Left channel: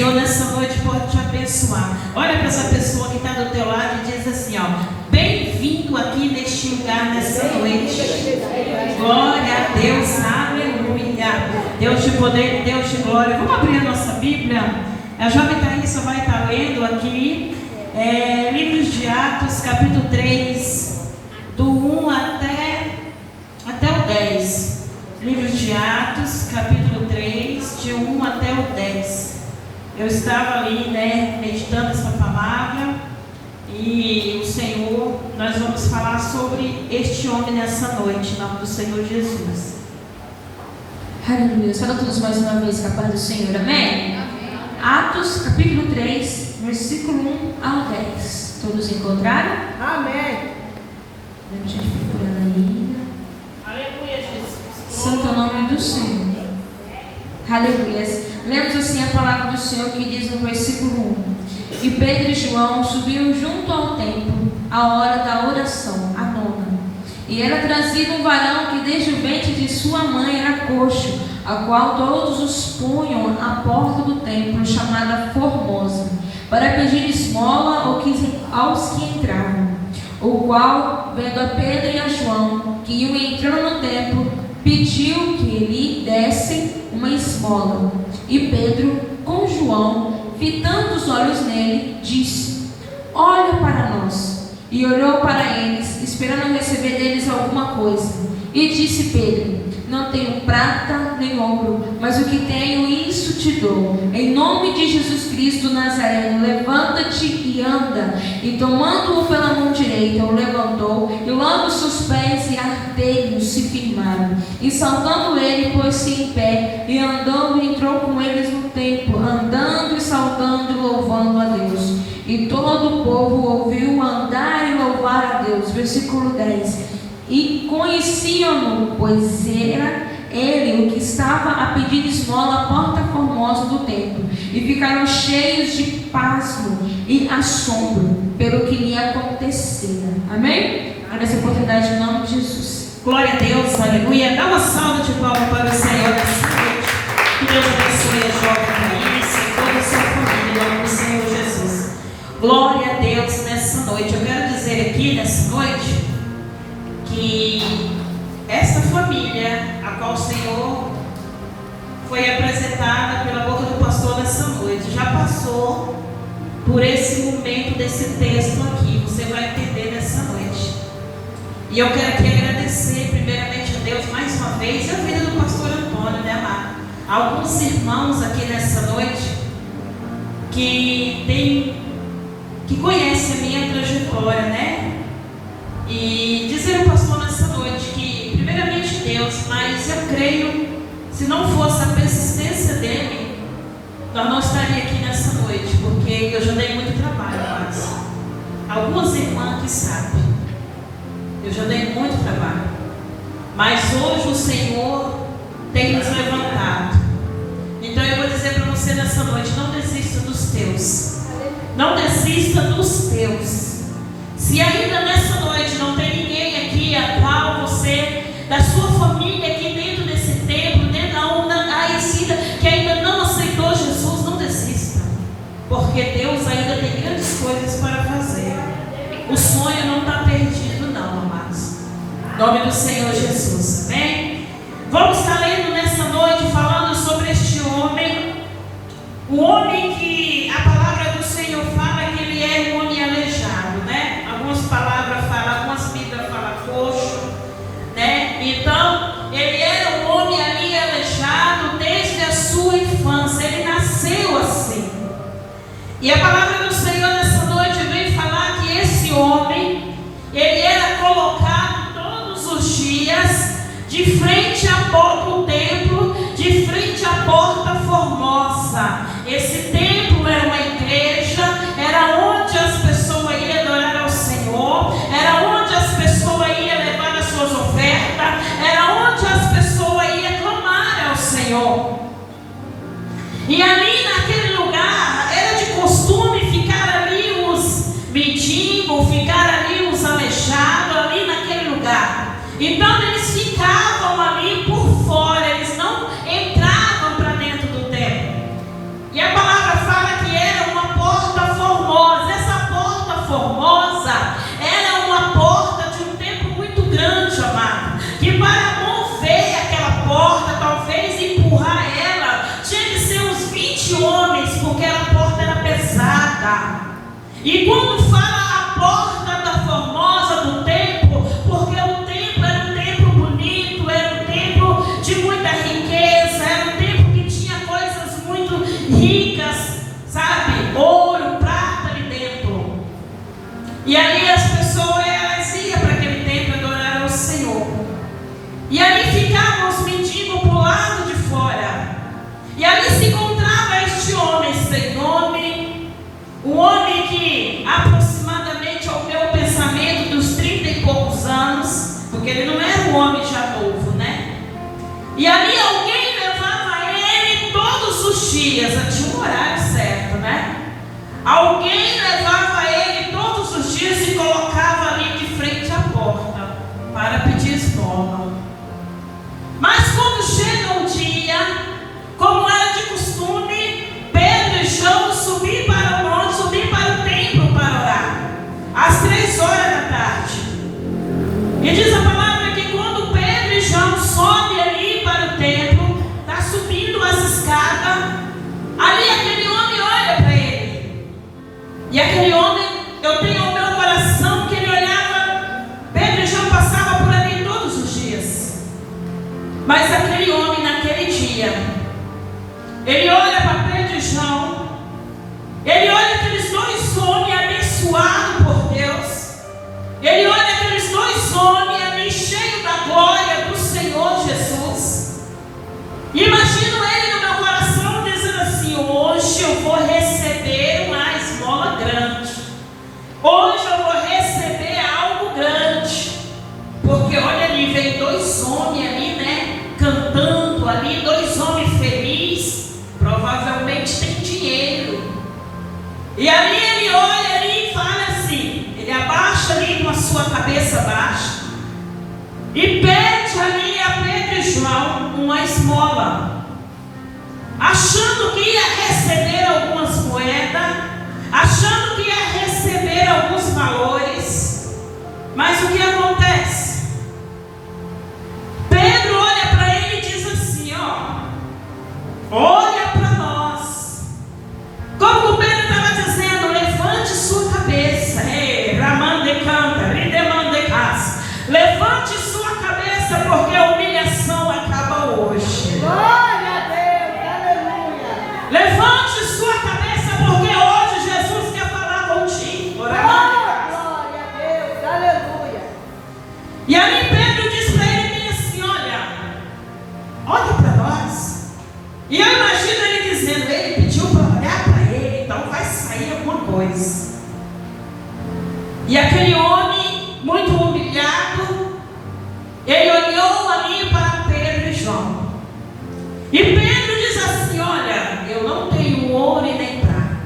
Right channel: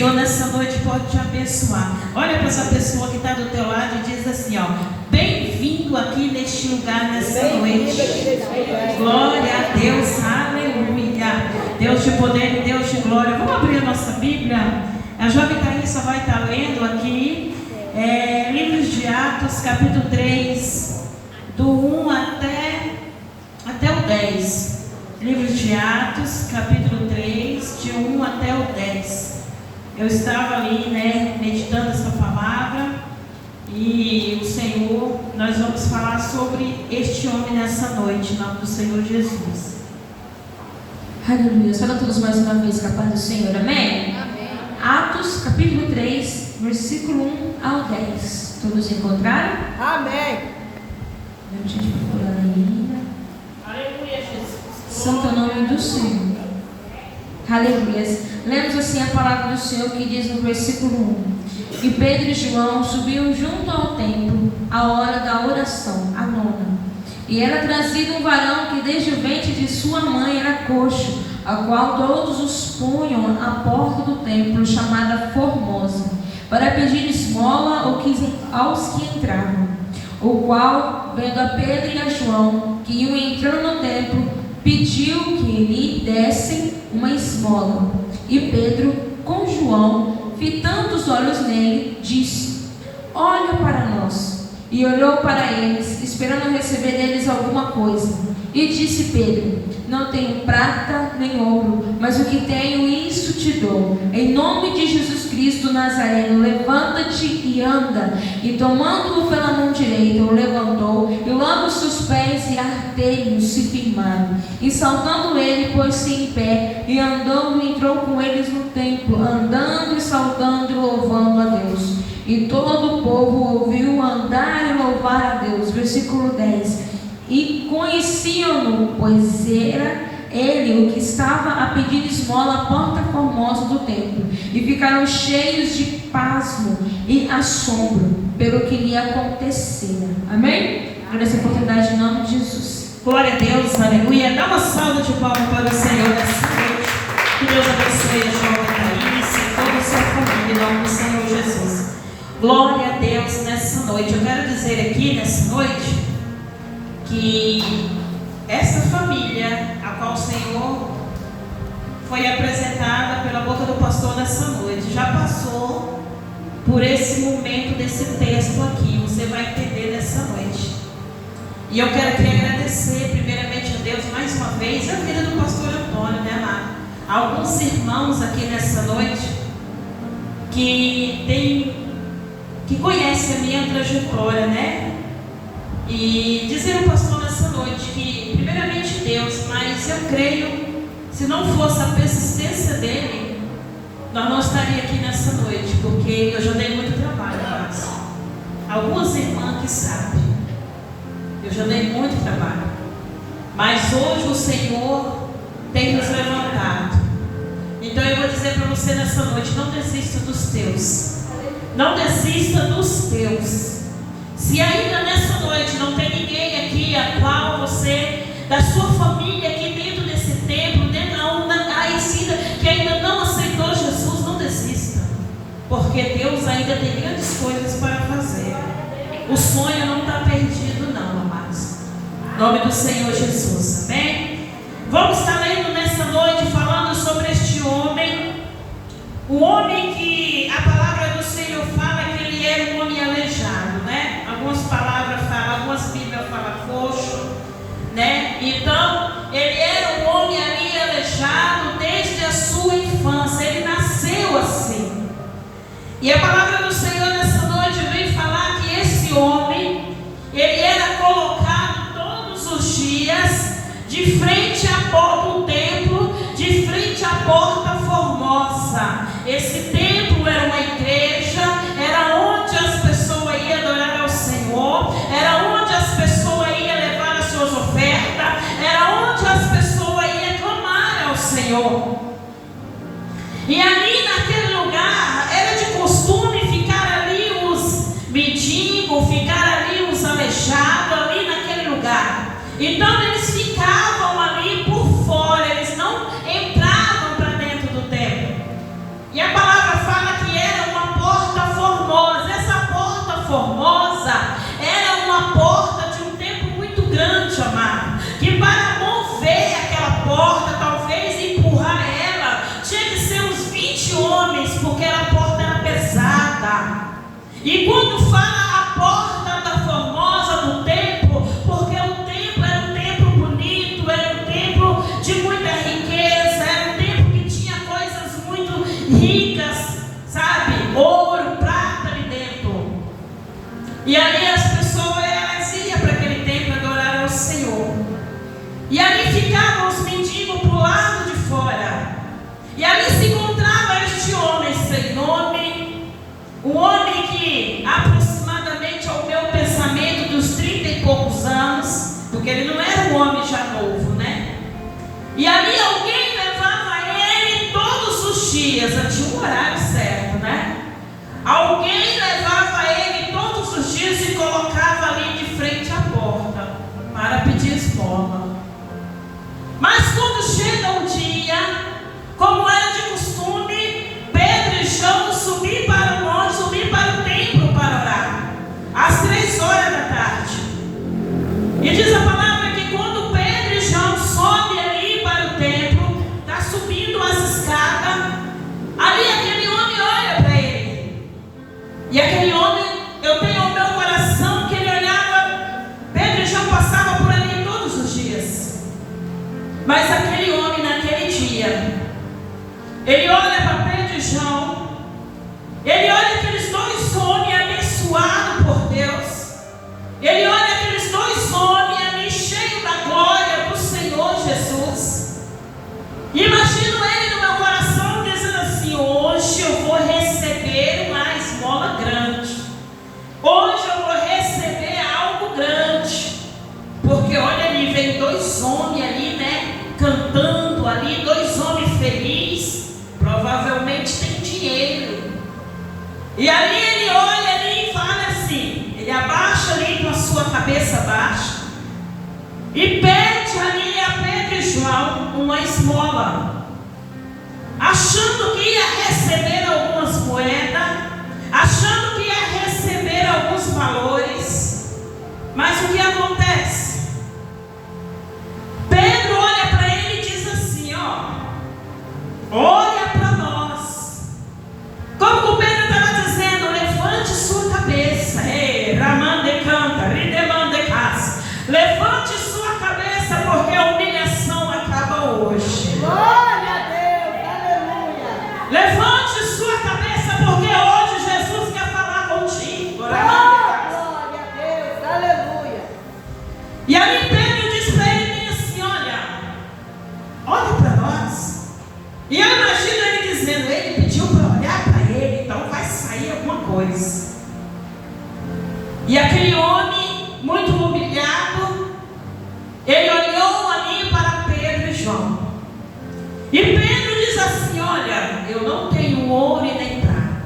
Senhor nessa noite pode te abençoar. Olha para essa pessoa que está do teu lado e diz assim, ó: bem-vindo aqui neste lugar nessa noite. Glória a Deus, aleluia. Deus de poder, Deus de glória. Vamos abrir a nossa Bíblia. A jovem Thaísa vai estar lendo aqui livros de Atos, capítulo 3, do 1 até o 10. Livros de Atos, capítulo 3, de 1 até o 10. Eu estava ali, meditando essa palavra, e o Senhor, nós vamos falar sobre este homem nessa noite, em nome do Senhor Jesus. Aleluia. Saúde a todos mais uma vez com a paz do Senhor, amém? Amém. Atos, capítulo 3, versículo 1 ao 10. Todos encontraram? Amém. Vamos a gente procurar na linha. Aleluia, Jesus. Santo é o nome do Senhor. Aleluia. Lemos assim a palavra do Senhor que diz no versículo 1: E Pedro e João subiam junto ao templo à hora da oração, a nona. E era trazido um varão que desde o ventre de sua mãe era coxo, a qual todos os punham à porta do templo, chamada Formosa, para pedir esmola aos que entravam. O qual, vendo a Pedro e a João, que iam entrando no templo, pediu que ele desse uma esmola. E Pedro, com João, fitando os olhos nele, disse: Olha para nós. E olhou para eles, esperando receber deles alguma coisa. E disse Pedro: Não tenho prata nem ouro, mas o que tenho, isso te dou. Em nome de Jesus Cristo Nazareno, levanta-te e anda. E tomando-o pela mão direita, o levantou, e logo seus pés e artelhos se firmaram. E saltando ele, pôs-se em pé, e andando entrou com eles no templo, andando e saltando e louvando a Deus. E todo o povo ouviu andar e louvar a Deus. Versículo 10. E conheciam-no, pois era ele o que estava a pedir esmola à porta formosa do templo. E ficaram cheios de pasmo e assombro pelo que lhe acontecia. Amém? Nessa oportunidade, em nome de Jesus. Glória a Deus, aleluia. Dá uma salva de palmas para o Senhor nessa noite. Que Deus abençoe a jovem Thaísa e toda a sua família, em nome do Senhor Jesus. Glória a Deus nessa noite. Eu quero dizer aqui nessa noite que essa família, a qual o Senhor foi apresentada pela boca do pastor nessa noite, já passou por esse momento desse texto aqui. Você vai entender nessa noite. E eu quero aqui agradecer primeiramente a Deus mais uma vez e a vida do pastor Antônio, né, amado? Alguns irmãos aqui nessa noite que conhecem a minha trajetória, né? E dizer ao pastor nessa noite que, primeiramente Deus, mas eu creio, se não fosse a persistência dele, nós não estaríamos aqui nessa noite, porque eu já dei muito trabalho, mas algumas irmãs que sabem, eu já dei muito trabalho, mas hoje o Senhor tem nos levantado. Então eu vou dizer para você nessa noite: não desista dos teus. Não desista dos teus. Se ainda nessa noite não tem ninguém aqui a qual você, da sua família aqui dentro desse templo, que ainda não aceitou Jesus, não desista. Porque Deus ainda tem grandes coisas para fazer. O sonho não está perdido não, amados. Em nome do Senhor Jesus, amém? Vamos estar lendo nessa noite falando sobre este homem. O homem que a palavra do Senhor fala que ele era um homem aleijado, né? Algumas palavras falam, algumas bíblias falam coxo, né? Então, ele era um homem ali aleijado desde a sua infância. Ele nasceu assim. E a palavra do Senhor nessa noite vem falar que esse homem, ele era colocado todos os dias de frente à porta do templo, de frente à porta formosa. Esse templo era uma igreja, era onde as pessoas iam adorar ao Senhor, era onde as pessoas iam levar as suas ofertas, era onde as pessoas iam clamar ao Senhor. E ali naquele lugar era de costume ficar ali os mendigos, ficar ali os aleijados, ali naquele lugar. Então eles ficavam ali por fora, eles não entravam para dentro do templo. E a palavra fala E quando fala a porta da formosa do templo, porque o templo era um templo bonito, era um templo de muita riqueza, era um templo que tinha coisas muito ricas, sabe? Ouro, prata ali dentro. E ali as pessoas elas iam para aquele templo adorar ao Senhor. E ali ficavam os mendigos para o lado de fora. E ali se encontrava este homem sem nome, um homem que aproximadamente ao meu pensamento dos 30 e poucos anos, porque ele não era um homem já novo, né? E ali alguém levava ele todos os dias, tinha um horário certo, né? Alguém levava ele todos os dias e colocava ali de frente à porta para pedir esmola. Mas quando chega um dia, como era de costume, Pedro e João subir para o monte, subir para o templo para orar, às 3 horas da tarde. E diz a palavra que quando Pedro e João sobem ali para o templo, está subindo as escadas, ali aquele homem olha para ele. E aquele homem, eu tenho o meu coração que ele olhava, Pedro e João passavam por ali todos os dias. Mas aquele homem naquele dia, ele olha para Pedro e João, ele olha aqueles 2 homens abençoados por Deus, ele olha aqueles 2 homens ali cheios da glória do Senhor Jesus, e imagino ele no meu coração dizendo assim: hoje eu vou receber uma esmola grande, hoje eu vou receber algo grande, porque olha ali, vem 2 homens ali, né, cantando ali, 2 homens felizes, provavelmente tem dinheiro. E ali ele olha ali e fala assim, ele abaixa ali com a sua cabeça baixa e pede ali a Pedro e João uma esmola, achando que ia receber algumas moedas, achando que ia receber alguns valores. Mas o que acontece? Pedro olha para ele e diz assim, olha para nós. Como o Pedro estava dizendo, levante sua cabeça. Ramande canta, ridemande casa. Levante sua cabeça, porque a humilhação acaba hoje. Glória a Deus, aleluia. Levante sua cabeça, porque hoje Jesus quer falar contigo. Glória a Deus, aleluia. E aí Pedro diz para ele assim, olha para nós. E eu imagino ele dizendo, ele pediu para olhar para ele, então vai sair alguma coisa. E aquele homem, muito humilhado, ele olhou ali para Pedro e João. E Pedro diz assim, olha, eu não tenho ouro e nem prata.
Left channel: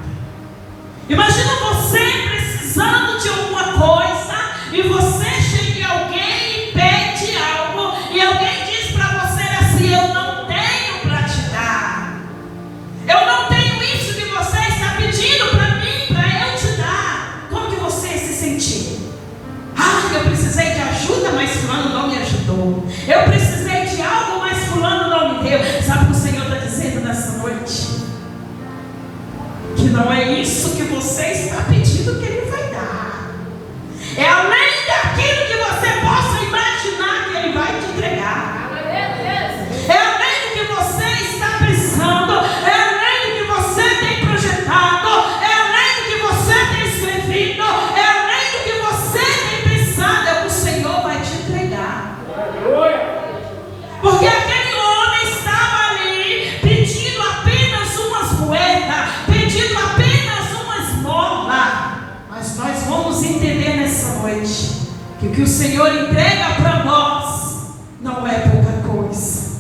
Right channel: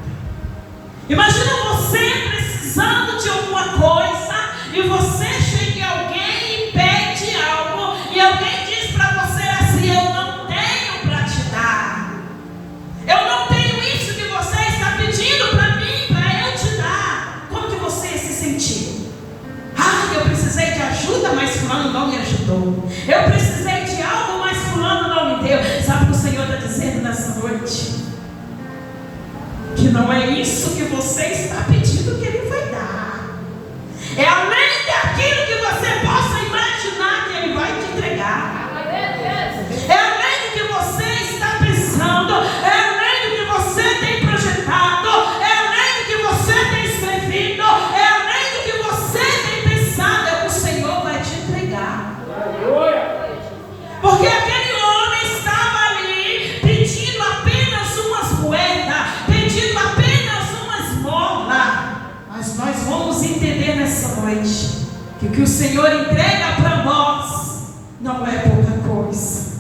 Imagina você precisando de alguma coisa, e você chega em alguém e pede algo, e alguém diz para você assim, eu não tenho para te dar. Eu não tenho isso que você está pedindo para mim, para eu te dar. Como que você se sentir? Eu precisei de ajuda, mas fulano não me ajudou. Eu precisei de algo, mas fulano não me deu. Sabe o que o Senhor está dizendo nessa noite? Que não é isso que você está pedindo que Ele vai dar. É além daquilo que você possa imaginar que Ele vai te entregar. É além do que você está pensando, é além do que você tem projetado, é além do que você tem escrevido, é além do que você tem pensado, é o que o Senhor vai te entregar. Porque aquele homem estava ali pedindo apenas umas moedas, pedindo apenas uma esmola. Mas nós vamos entender nessa noite que o que o Senhor entrega para nós não é pouca coisa.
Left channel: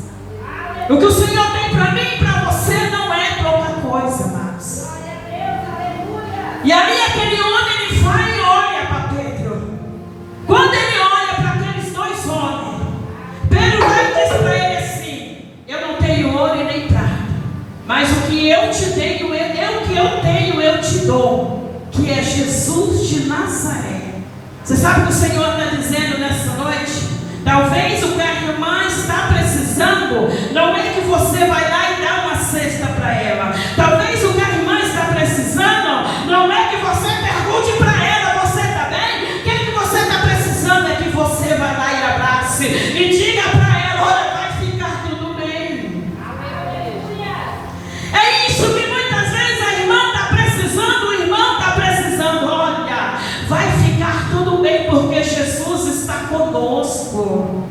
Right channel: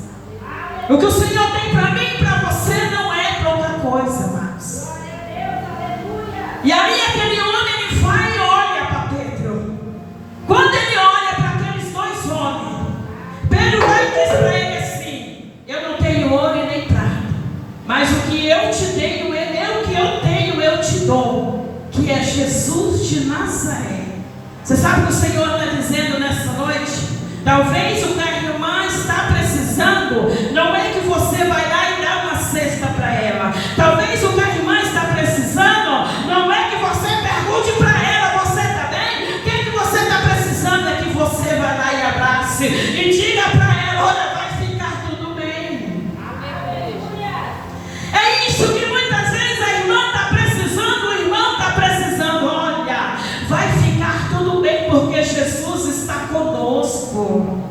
O que o Senhor tem para mim e para você não é pouca coisa, amados. E ali aquele homem, ele vai e olha para Pedro. Quando ele olha para aqueles 2 homens, Pedro vai e diz para ele assim, eu não tenho ouro e nem prata, mas o que eu te tenho, o que eu tenho eu te dou, que é Jesus de Nazaré. Você sabe o que o Senhor está dizendo nessa noite? Talvez o que a irmã está precisando não é que você vai lá e dá uma cesta para ela. Talvez o que a irmã está precisando não é que você pergunte conosco.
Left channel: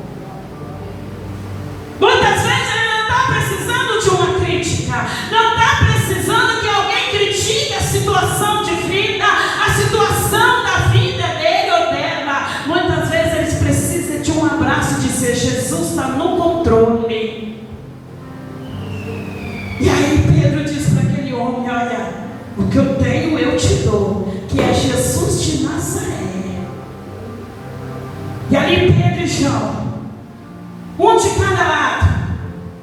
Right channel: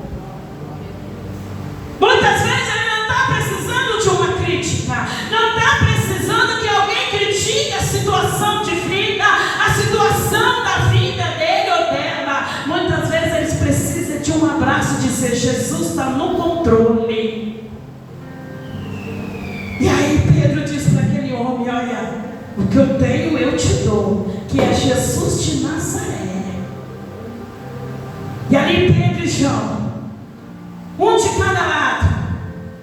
Muitas vezes ele não está precisando de uma crítica, não está precisando que alguém critique a situação de vida, a situação da vida dele ou dela. Muitas vezes eles precisam de um abraço e dizer: Jesus está no controle. E aí Pedro diz para aquele homem: olha, o que eu tenho eu te dou, que é Jesus de Nazaré. E ali Pedro e João, um de cada lado,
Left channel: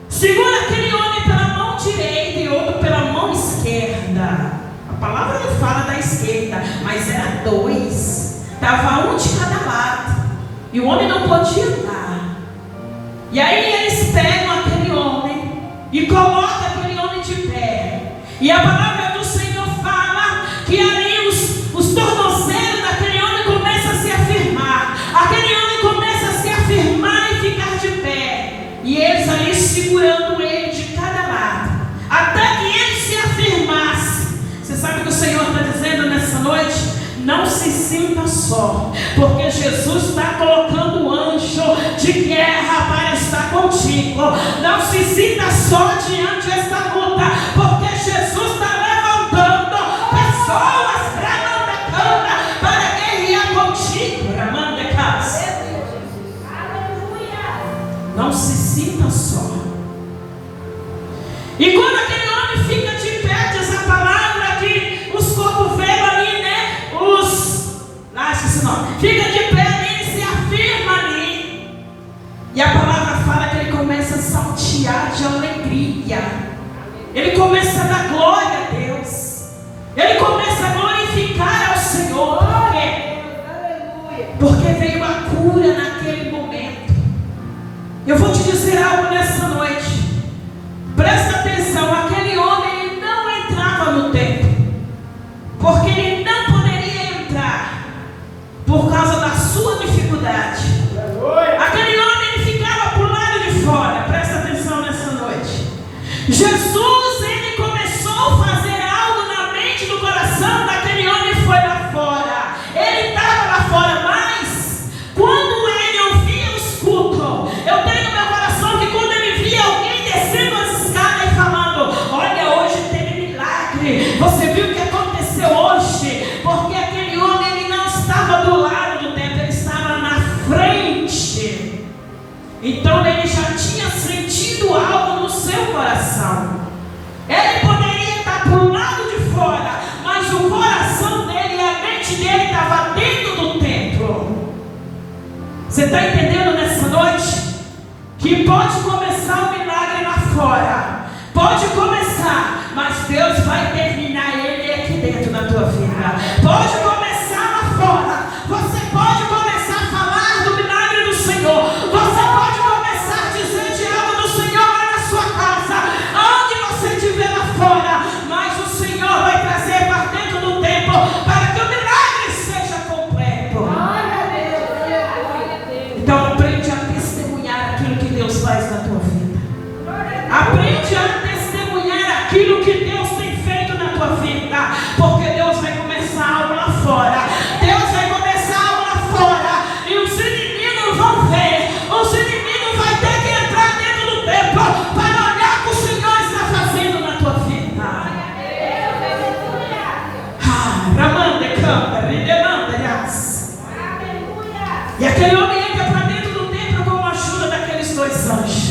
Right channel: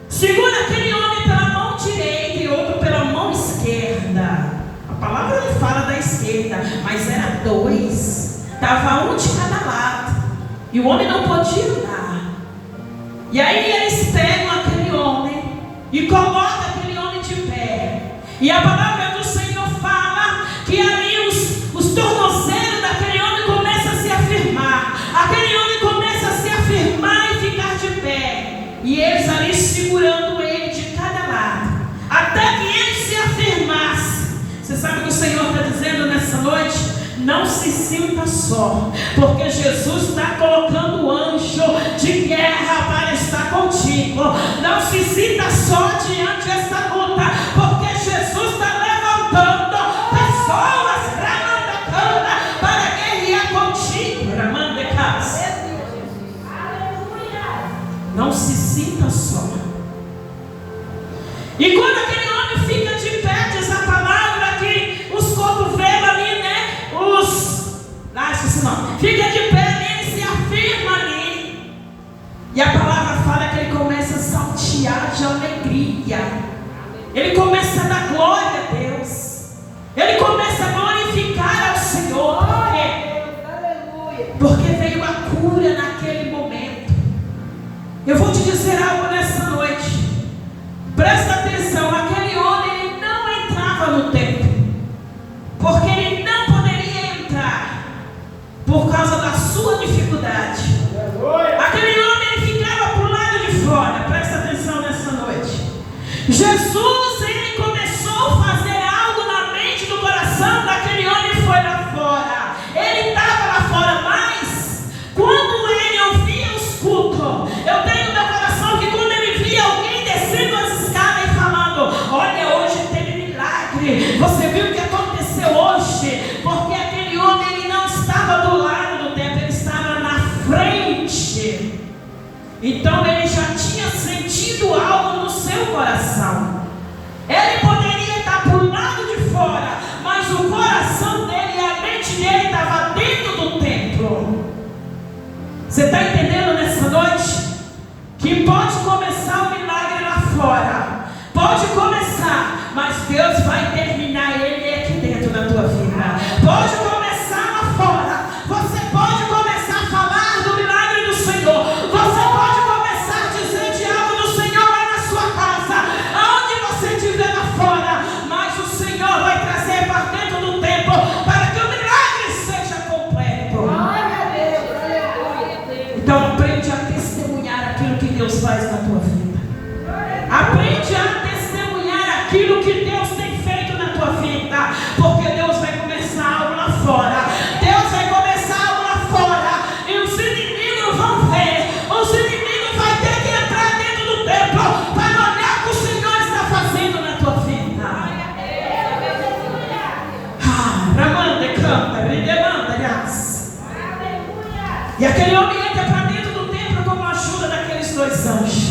segura aquele homem pela mão direita e outro pela mão esquerda. A palavra não fala da esquerda, mas era dois. Estava um de cada lado. E o homem não podia andar. E aí eles pegam aquele homem e colocam aquele homem de pé. E a palavra do Senhor fala que ali os tornozelos daquele homem começam a se afirmar. Aquele homem começa a se afirmar e ficar de pé. E eles ali segurando ele de cada lado, até que ele se afirmasse. Você sabe o que o Senhor está dizendo nessa noite? Não se sinta só, porque Jesus está colocando anjo de guerra para estar contigo. Não se sinta só diante desta luta, porque Jesus está levantando pessoas para guerrear contigo. Não se sinta só. E quando aquele homem fica de pé, diz a palavra que os cotovelos ali, né? Fica de pé, ele se afirma ali. E a palavra fala que ele começa a saltear de alegria. Ele começa a dar glória a Deus. Ele começa a glorificar ao Senhor. Por quê? Porque veio a cura naquele momento. Eu vou te dizer algo nessa noite. Presta atenção, aquele homem ele não entrava no templo, porque ele não poderia entrar por causa da sua dificuldade. Aquele homem ele ficava para o lado de fora. Presta atenção nessa noite. Jesus ele começou a fazer algo na mente, no coração daquele homem e foi lá fora. Ele estava lá fora, mas quando ele ouvia os cultos, eu tenho no meu coração que quando ele via alguém descendo as escadas e falando: olha, hoje teve milagre, você viu o que aconteceu hoje? Porque aquele homem ele não estava do lado do templo, ele estava na frente. Então ele já tinha sentido algo no seu coração. Ele poderia estar para o lado de fora, mas o coração dele e a mente dele estava dentro do templo. Você está entendendo nessa noite? Que pode começar o milagre lá fora, pode começar, mas Deus vai terminar ele aqui dentro da tua vida. Pode começar lá fora, você pode começar a falar do milagre do Senhor, você pode começar a dizer de algo do Senhor lá na sua casa, onde você estiver lá fora, mas o Senhor vai trazer para dentro do templo para que o milagre seja completo. Então aprende a testemunhar aquilo que Deus faz na tua vida. Aprende a testemunhar aquilo que Deus tem feito na tua vida, porque Deus vai começar algo lá fora. Deus vai começar algo lá fora e os inimigos vão ver. Os inimigos vão ter que entrar dentro do templo para olhar o que o Senhor está fazendo na tua vida. Ramanda, canta, me demanda, graças. E aquele homem entra para dentro do templo com a ajuda daqueles dois anjos.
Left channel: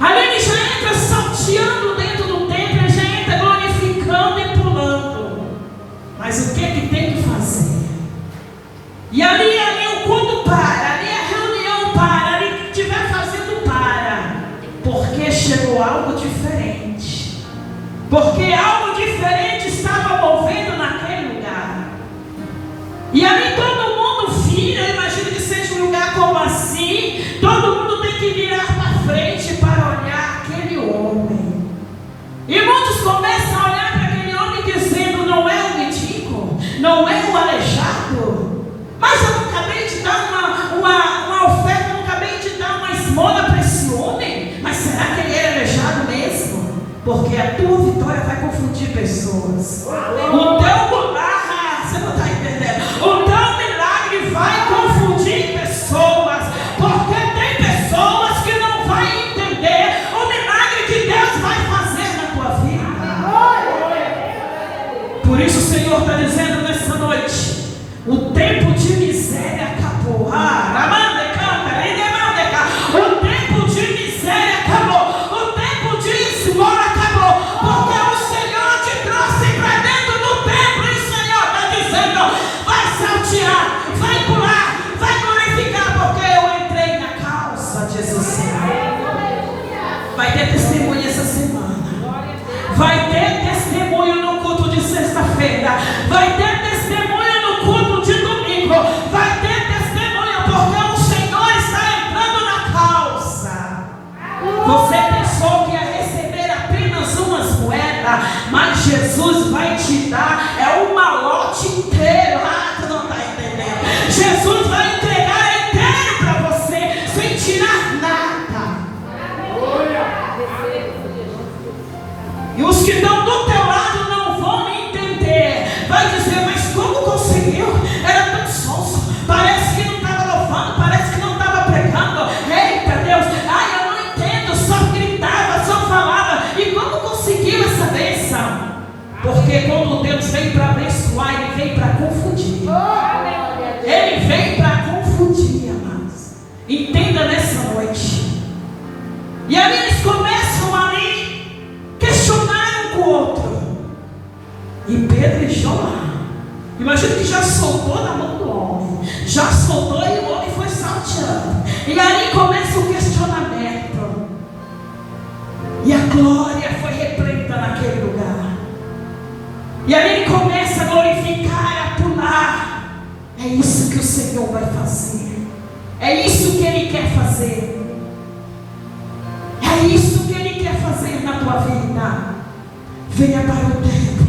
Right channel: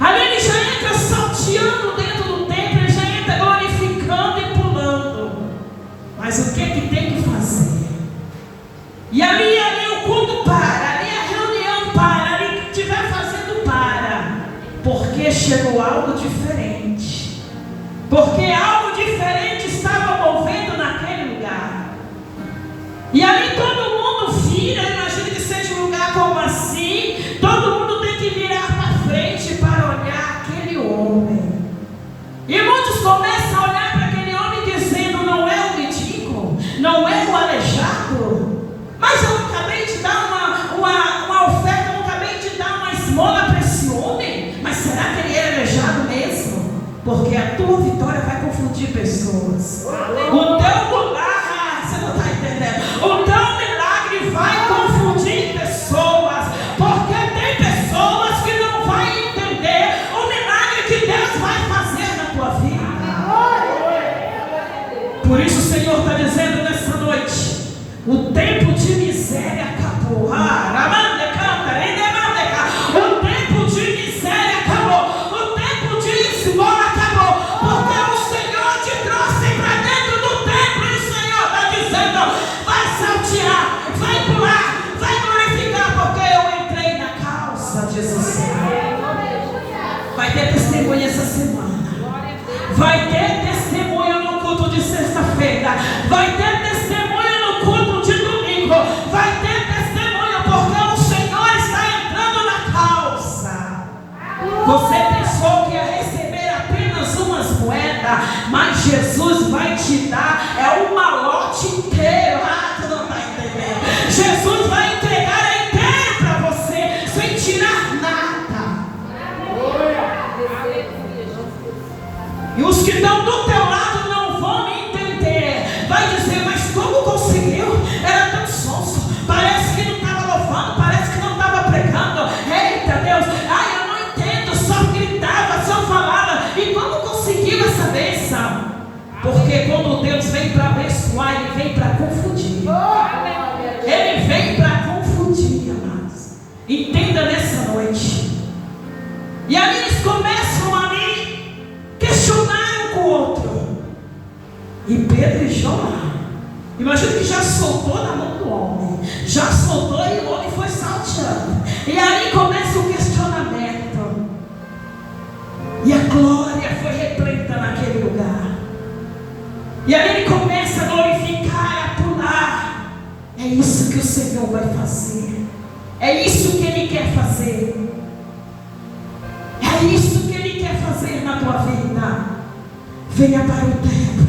Ali ele já entra salteando dentro do templo, ele já entra glorificando e pulando. Mas o que que tem que fazer? E ali o culto para, ali a reunião para, ali o que estiver fazendo para, porque chegou algo diferente. Porque algo diferente estava movendo naquele lugar. E ali todo mundo vira, imagina que seja um lugar como assim, todo mundo tem que virar para frente para olhar aquele homem. E muitos começam a olhar para aquele homem dizendo: não é o mendigo, não é o aleijado, mas eu não acabei de dar uma oferta, eu não acabei de dar uma esmola para esse homem, mas será que ele é aleijado mesmo? Porque a tua vitória vai confundir pessoas. O teu milagre, você não está entendendo? O teu milagre vai confundir pessoas. Por isso o Senhor está dizendo nessa noite: o tempo de miséria acabou. O tempo de miséria acabou. O tempo de esmola acabou. Porque o Senhor te trouxe para dentro do templo. E o Senhor está dizendo: vai saltear, vai pular, vai glorificar, porque eu entrei na causa, diz o Senhor. Vai ter testemunho essa semana. Vai ter testemunho no culto de sexta-feira. Vai ter testemunho no culto de domingo. Vai ter testemunho porque o Senhor está entrando na causa. Você pensou que ia receber apenas umas moedas, mas Jesus vai te dar um malote inteiro. Tu não está entendendo. Jesus vai entregar inteiro para você, sem tirar nada. E os que estão do teu lado não vão entender. Vai dizer: mas como conseguiu? Era tão sonso. Parece que não estava louvando, parece que não estava pregando. Eita Deus, eu não entendo. Só gritava, só falava. E como conseguiu essa bênção? Porque quando Deus vem para abençoar, Ele vem para confundir. Ele vem para confundir, amados. Entenda nessa noite. E aí eles começam ali questionar um com o outro. E Pedro e João, imagina que já soltou na mão do homem. Já soltou e o homem foi salteando. E ali começa o questionamento. E a glória foi repleta naquele lugar. E aí ele começa a glorificar, a pular. É isso que o Senhor vai fazer. É isso que Ele quer fazer. É isso que Ele quer fazer na tua vida. Venha para o templo.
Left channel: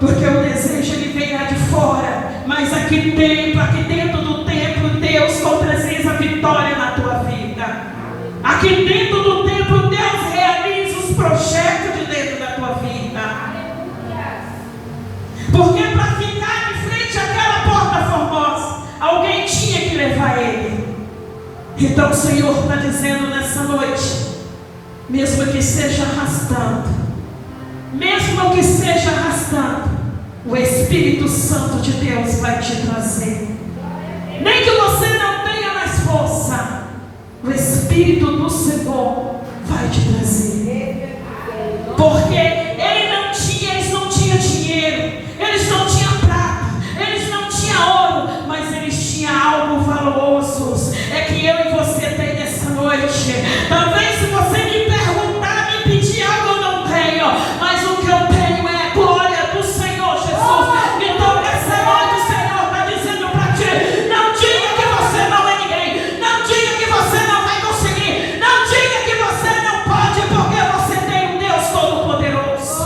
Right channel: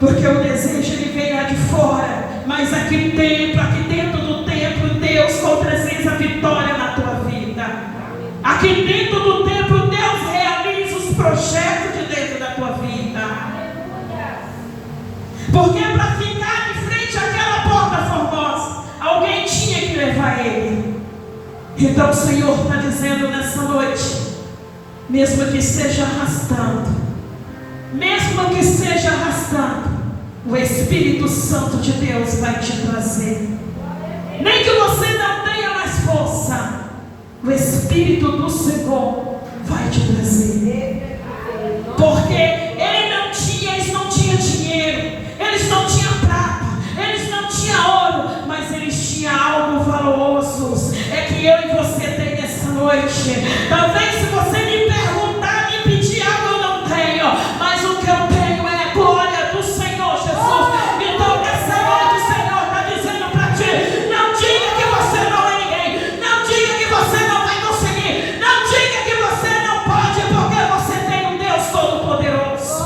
Porque o desejo Ele vem lá de fora. Mas aqui dentro do templo, Deus com presença, vitória na tua vida. Aqui dentro do templo, Deus realiza os projetos de dentro da tua vida. Porque para ficar de frente àquela porta formosa, alguém tinha que levar ele. Então o Senhor está dizendo nessa noite: mesmo que seja arrastando, o Espírito Santo de Deus vai te trazer. Nem que você não tenha mais força, o Espírito do Senhor vai te trazer. Porque eles não tinham dinheiro, eles não tinham prata, eles não tinham ouro, mas eles tinham algo valoroso. É que eu e você tem nessa noite. Talvez se você me perguntar, me pedir algo, eu não tenho, mas o que eu tenho é a glória do Senhor Jesus. Então nessa noite o Senhor está dizendo para ti: não diga que você não é ninguém, não diga que você não vai conseguir, não diga que você não pode, porque você tem um Deus Todo-Poderoso.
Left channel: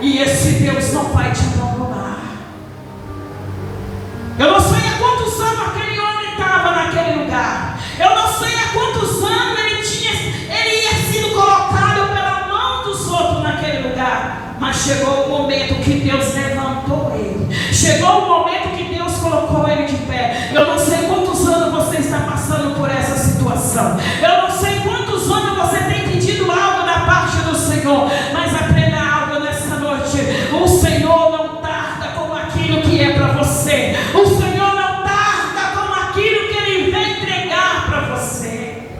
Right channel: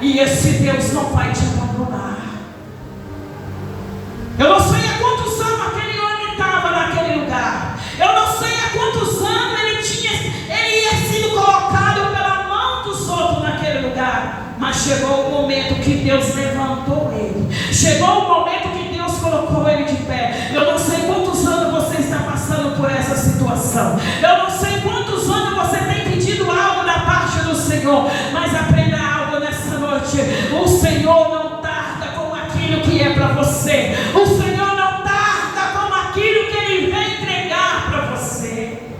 E esse Deus não vai te abandonar. Eu não sei há quantos anos aquele homem estava naquele lugar. Eu não sei há quantos anos ele ia sido colocado pela mão dos outros naquele lugar. Mas chegou o momento que Deus levantou ele. Chegou o momento que Deus colocou ele de pé. Eu não sei quantos anos você está passando por essa situação. Eu não sei quantos anos você tem pedido algo da parte do Senhor. Mas aprenda algo nessa noite. O Senhor não tarda com aquilo que é para você. O Senhor não tarda com aquilo que Ele vem entregar para você.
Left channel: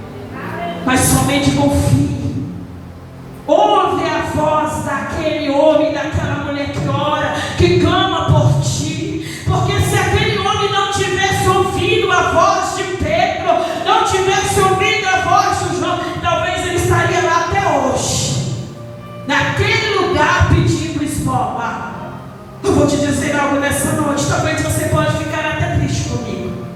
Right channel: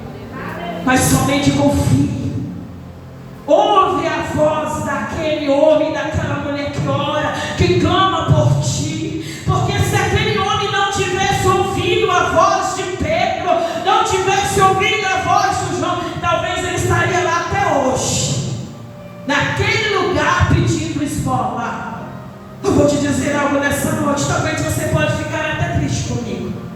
Mas somente confie. Ouve a voz daquele homem, daquela mulher que ora, que clama por ti. Porque se aquele homem não tivesse ouvido a voz de Pedro, não tivesse ouvido a voz de João, talvez ele estaria lá até hoje, naquele lugar pedindo esmola. Eu vou te dizer algo nessa noite. Talvez você pode ficar até triste comigo,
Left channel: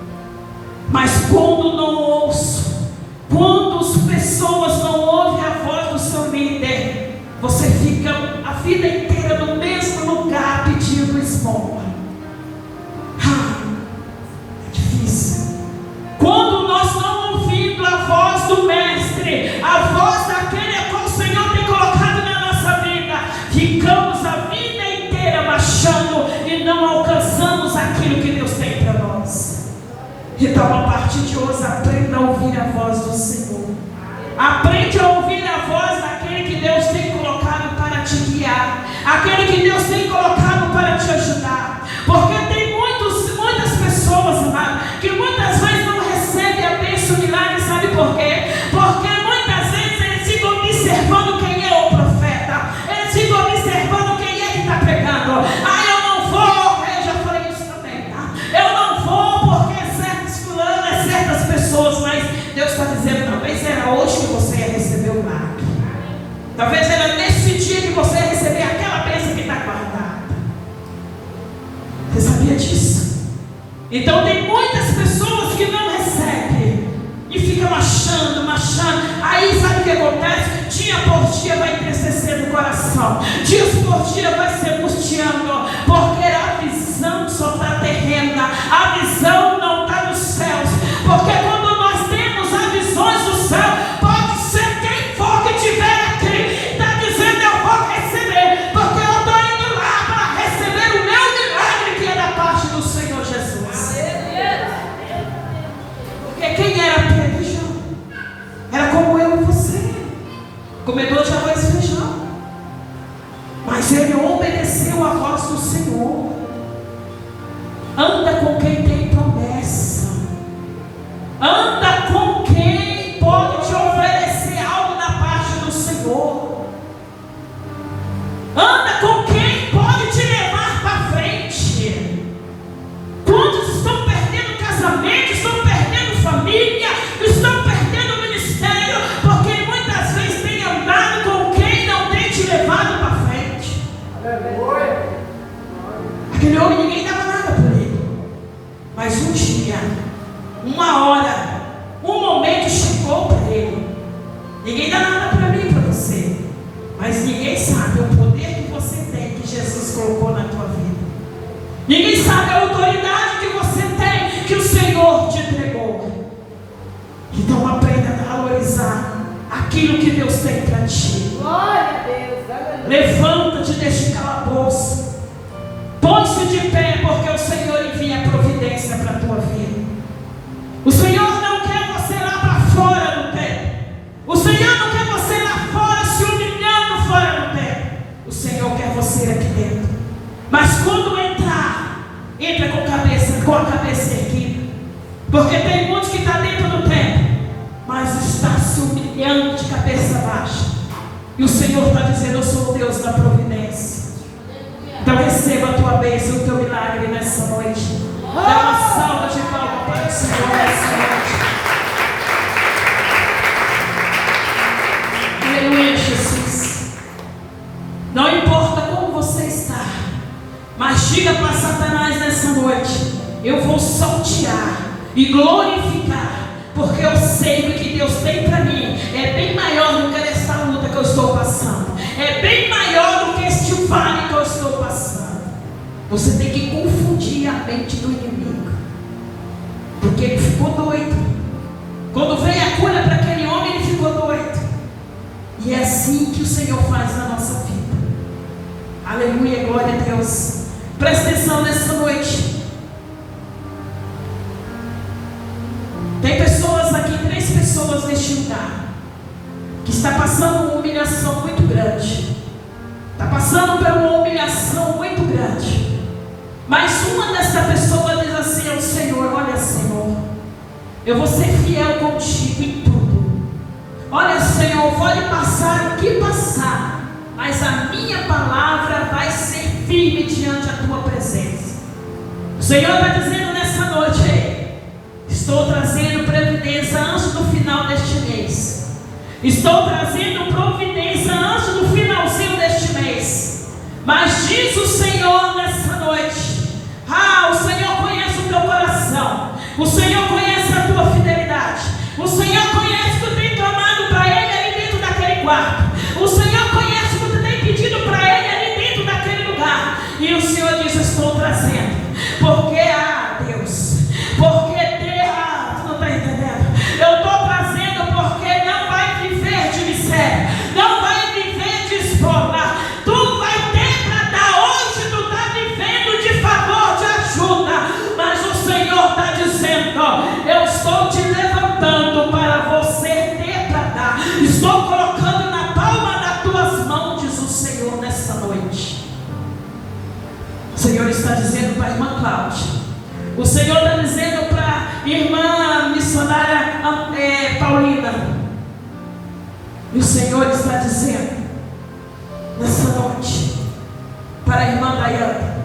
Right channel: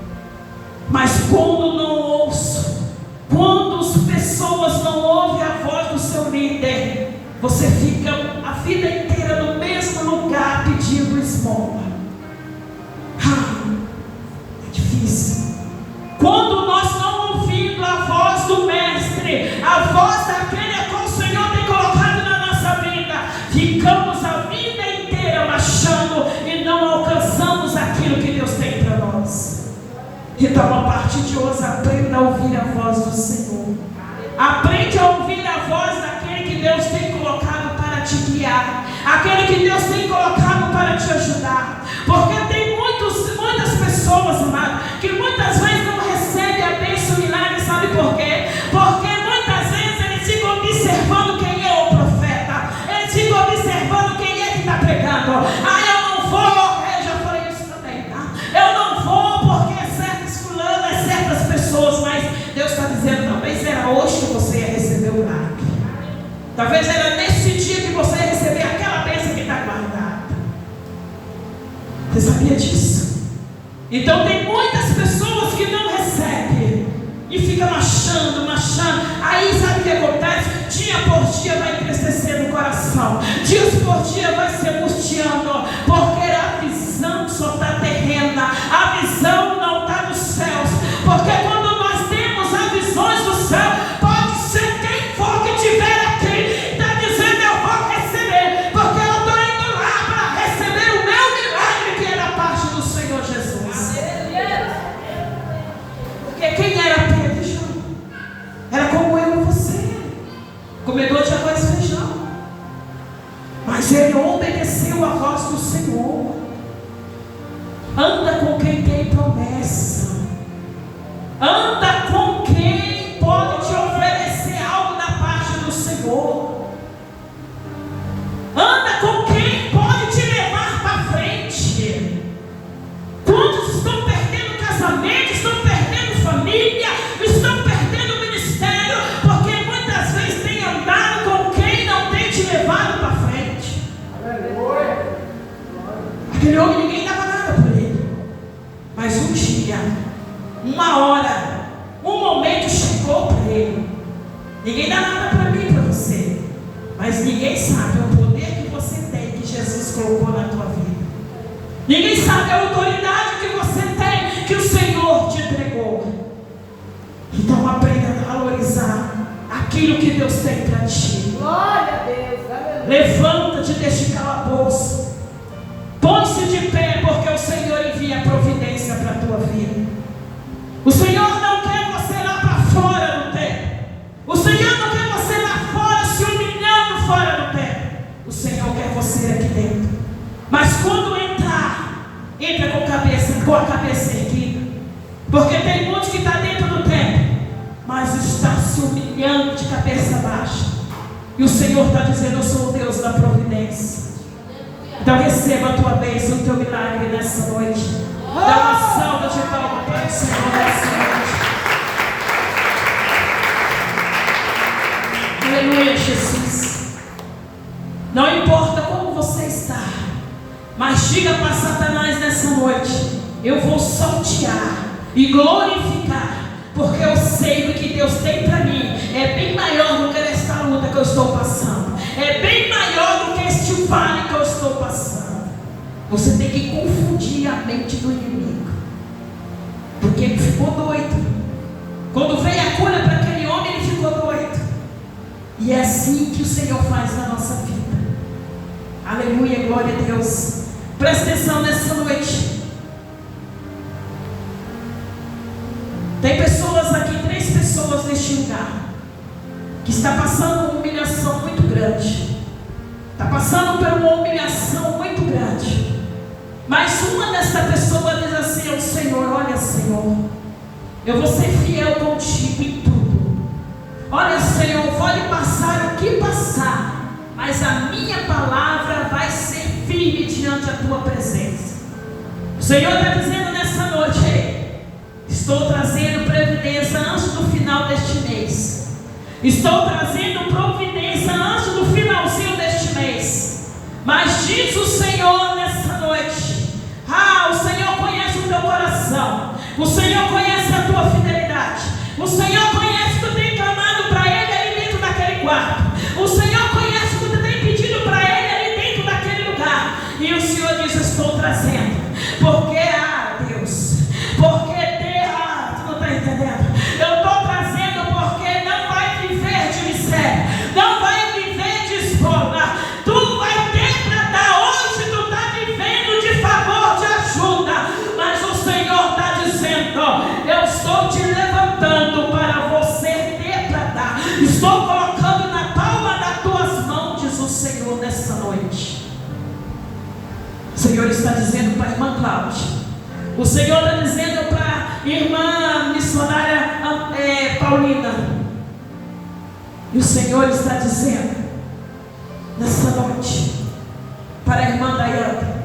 mas quando não ouço, quando as pessoas não ouvem a voz do seu líder, você fica a vida inteira no mesmo lugar pedindo esmola. É difícil. Quando nós não ouvimos a voz do Mestre, a voz daquele a qual o Senhor tem colocado na nossa vida, ficamos a vida inteira marchando e não alcançamos aquilo que Deus tem para nós. Então, a partir de hoje, aprenda a ouvir a voz do Senhor. Aprende a ouvir a voz daquele que Deus tem colocado para te guiar. Talvez era nesse dia que você receber aquela bênção que está guardada. Você sabia disso? Então tem muitas pessoas que não recebem e fica marchando. Aí sabe o que acontece? Dia por dia vai entristecer no coração. Dias por dia vai se angustiando. Porque a visão só está terrena. A visão não está nos céus. Porque quando nós temos as visões do céu, pode ser quem for que tiver aqui, está dizendo eu vou receber. Porque eu estou indo lá para receber o meu milagre que é da parte do Senhor Jesus. Porque quem era Pedro? Era como eu e você, comedor de arroz e feijão. Mas ele obedeceu a voz do Senhor. Anda com quem tem promessa. Anda com quem pode te oferecer algo da parte do Senhor. Anda com quem pode te levar para frente. Quantos estão perdendo casamento, estão perdendo família, estão perdendo ministério, porque muitas vezes tem andado com quem não tem te levado para frente. Aquele homem, ninguém dava nada por ele. Mas um dia, uma hora, um momento chegou para ele. Ninguém dá nada para mim, para você. Mas ninguém sabe o poder que você tem, que Jesus colocou na tua vida. Ninguém sabe a autoridade que você tem, que o Senhor te entregou. Então aprenda a valorizar aquilo que Deus tem para ti. Glória a Deus. Aleluia. Levanta-te deste calabouço. Põe-se de pé, porque o Senhor envia a providência para a tua vida. O Senhor não quer você lá para fora do templo. O Senhor não quer você lá fora se humilhando fora do templo. O Senhor quer você aqui dentro. Mas quando entrar, entra com a cabeça erguida. Porque tem muitos que estão dentro do templo, mas está se humilhando de cabeça baixa. E o Senhor está dizendo: eu sou o Deus da providência. Então receba a tua bênção, o teu milagre nessa noite. Dá uma salva de palmas para o Senhor nessa noite. Aleluia, Jesus. Não importa como você está, mas diga para Satanás nessa noite: eu vou saltear e glorificar, porque eu sei o que Deus tem para mim é bem maior do que esta luta que eu estou passando, é bem maior do que este vale que eu estou passando. Você tem que confundir a mente do inimigo, porque ele ficou doido. Quando veio a cura para aquele homem, ele ficou doido. E é assim que o Senhor faz na nossa vida. Aleluia, glória a Deus. Presta atenção nessa noite. Tem pessoas aqui, 3 pessoas neste lugar, que está passando uma humilhação muito grande. Está passando por uma humilhação muito grande. Mas uma dessa pessoa diz assim ao Senhor: olha, Senhor, eu vou ser fiel contigo em tudo. Olha, Senhor, pode passar o que passar, mas a minha palavra vai ser firme diante da tua presença. O Senhor está dizendo nessa noite: estou trazendo providência antes do final deste mês. Estou trazendo providência antes do finalzinho deste mês. Mas diz o Senhor nessa noite: o Senhor conhece o teu coração. O Senhor conhece a tua fidelidade. O Senhor conhece que tu tem clamado para Ele ali dentro daquele quarto. O Senhor conhece que tu tem pedido para Ele ali dentro daquele lugar. E o Senhor diz: estou trazendo. Porque, Deus, porque tu não está entendendo. Eu estou trazendo porque não vai viver de miséria, não vai viver de esmola. Tu vai ter para dar. Hoje tu está vivendo de favor, de ajuda. Mas o Senhor está dizendo: eu estou te levantando para você ter para dar. Estou colocando na palma das tuas mãos, diz o Senhor nessa noite. O Senhor está dizendo para a irmã Cláudia. O Senhor está dizendo para a irmã missionária Paulina. E o Senhor está dizendo nessa noite para a irmã Dayana:